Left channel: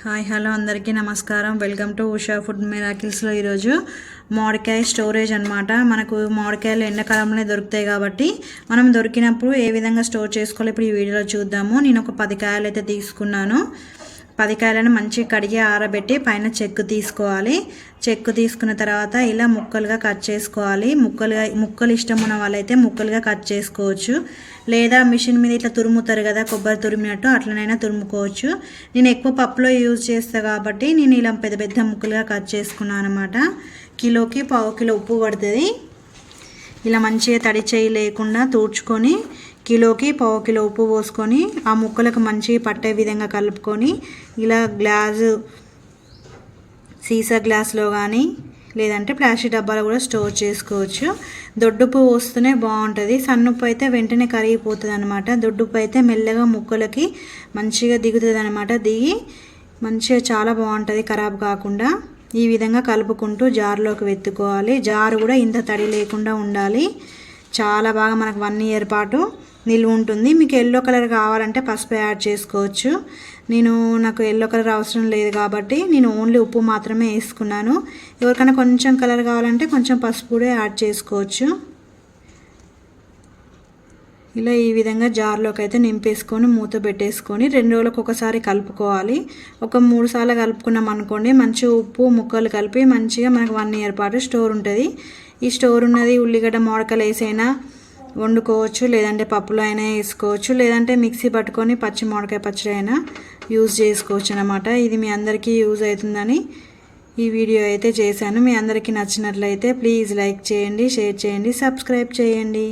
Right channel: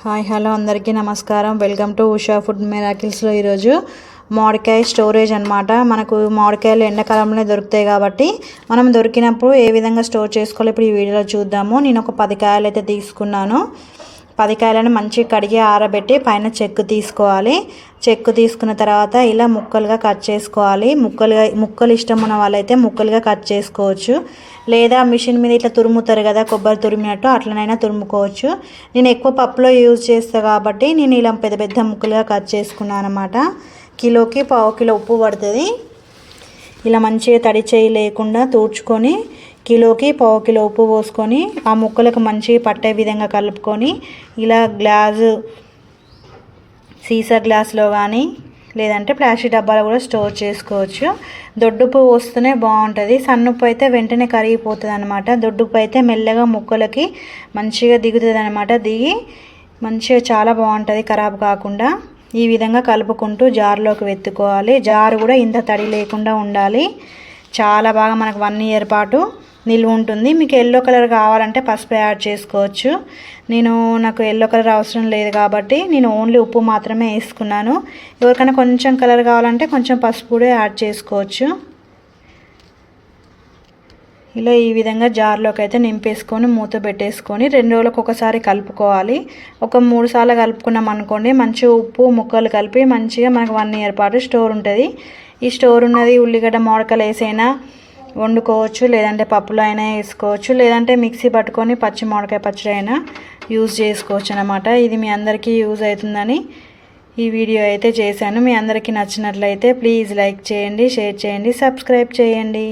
Hi hello అందరికీ నమస్కారం. Welcome to Usha food మెరాకిల్స్లో ఈరోజు మామిడికాయ స్టోరేజ్ అనమాట మనకు మామిడికాయలు ఎండాకాలంలోనే దొరుకుతాయి కాబట్టి మనం దొరికినప్పుడు ఏ విధంగా స్టోర్ చేసుకోవాలి ఇప్పుడు ఈ వీడియోలో చూద్దాము. నేను ఒక పది కాయలు అయితే తీసుకున్నాను. పది కాయలను మంచిగా కడిగి ఆరబెట్టి పైన చెక్కు తీసుకోవాలి. చెక్కు తీసుకున్న తర్వాత ఇలా ముక్కలుగా కట్ చేసుకోవాలి. ముక్కలుగా ముక్కలు ఇష్టం ఉన్న వాళ్ళైతే ముక్కలుగా కట్ చేసుకోవచ్చు. లేదా మిషన్ మీద ఇట్లా తురుముతారు కదా కొబ్బరి తురిమినట్టు అట్లనైనా తురుముకోవచ్చు. నేను ఎక్కువ పప్పులో యూజ్ చేస్తాను కాబట్టి నేను ఇలా పెద్ద పెద్ద ముక్కలుగా కట్ చేసుకున్నాను అనమాట కిలోకి పావు కిలో ఉప్పు పడుతుంది. ఇలా మంచిగా తడి చేయి లేకుండా తూడ్చుకొని కిలోకి పావు కిలో ఉప్పు పోసుకొని ఆ ముక్కలకు మంచిగా పట్టే విధంగా కలుపుకొని ఇలా గ్లాసు సీసా గ్లాస్లో కానీ లేదంటే ప్లాస్టిక్ డబ్బాలో కూడా స్టోర్ చేసుకోవచ్చు. దొడ్డుప్పు పోస్తూనే బాగుంటుంది. సన్నుప్పు అయితే వెంటనే కరిగిపోతుంది అనమాట దొడ్డుప్పు అయితే మెల్లగా ముక్కలకి మంచిగా దిగుతుంది అనమాట దిగి మంచిగా చాలా బాగుంటుంది ఖరాబ్ కాకుండా. ఈ విధంగా కలుపుకుంటూ జార్లోకి వెత్తుకోవాలి. జారు కూడా ఇంత తడి లేకుండా ఉండాలి. చాలా బాగా మనకు వన్ ఇయర్ పాటు నిల్వ ఉంటుంది. మీకు ఎల్లో కలర్ కావాలంటే పసుపు యాడ్ చేసుకోవచ్చు. నేను నాకు ఎల్లో కలర్ అవసరం లేదు కాబట్టి నేను ఓన్లీ ఉప్పు మాత్రమే వేసుకున్నాను. ఎవరికైనా కొంచెం కలర్ కావాలంటే కొంచెం పసుపు కూడా యాడ్ చేసుకోవచ్చు. ఇలా ఈ విధంగా జార్లోకి అయితే నింపేసుకొని మూత పెట్టేసుకొని రెండు రోజులకు ఒకసారి కలుపుకోవాలి. ఒక మూడు సార్లు కలుపుకున్నాం అనుకోండి మంచి ఉప్పు ముక్కలు కలిపి మంచిగా మనకు వన్ ఇయర్ పాటు స్టోర్ ఉంటుంది. ఈ స్టోర్ ఉన్నది ఉల్లిగడ్డ మోడకలు వేసైనా వండుకోవచ్చు లేదంటే పప్పులో అయినా వేసుకోవచ్చు లేదంటే మిక్సీ పట్టుకొని పచ్చి మామిడికాయ పచ్చడి అయినా యూజ్ చేసుకోవచ్చు అనమాట ఇది మీ అందరికీ యూజ్ అవుతుందని ఈ వీడియో అయితే చేశాను. మీ అందరికీ నచ్చినట్లయితే ప్లీజ్ లైక్ చేయండి షేర్ చేయండి సబ్స్క్రైబ్ చేయండి.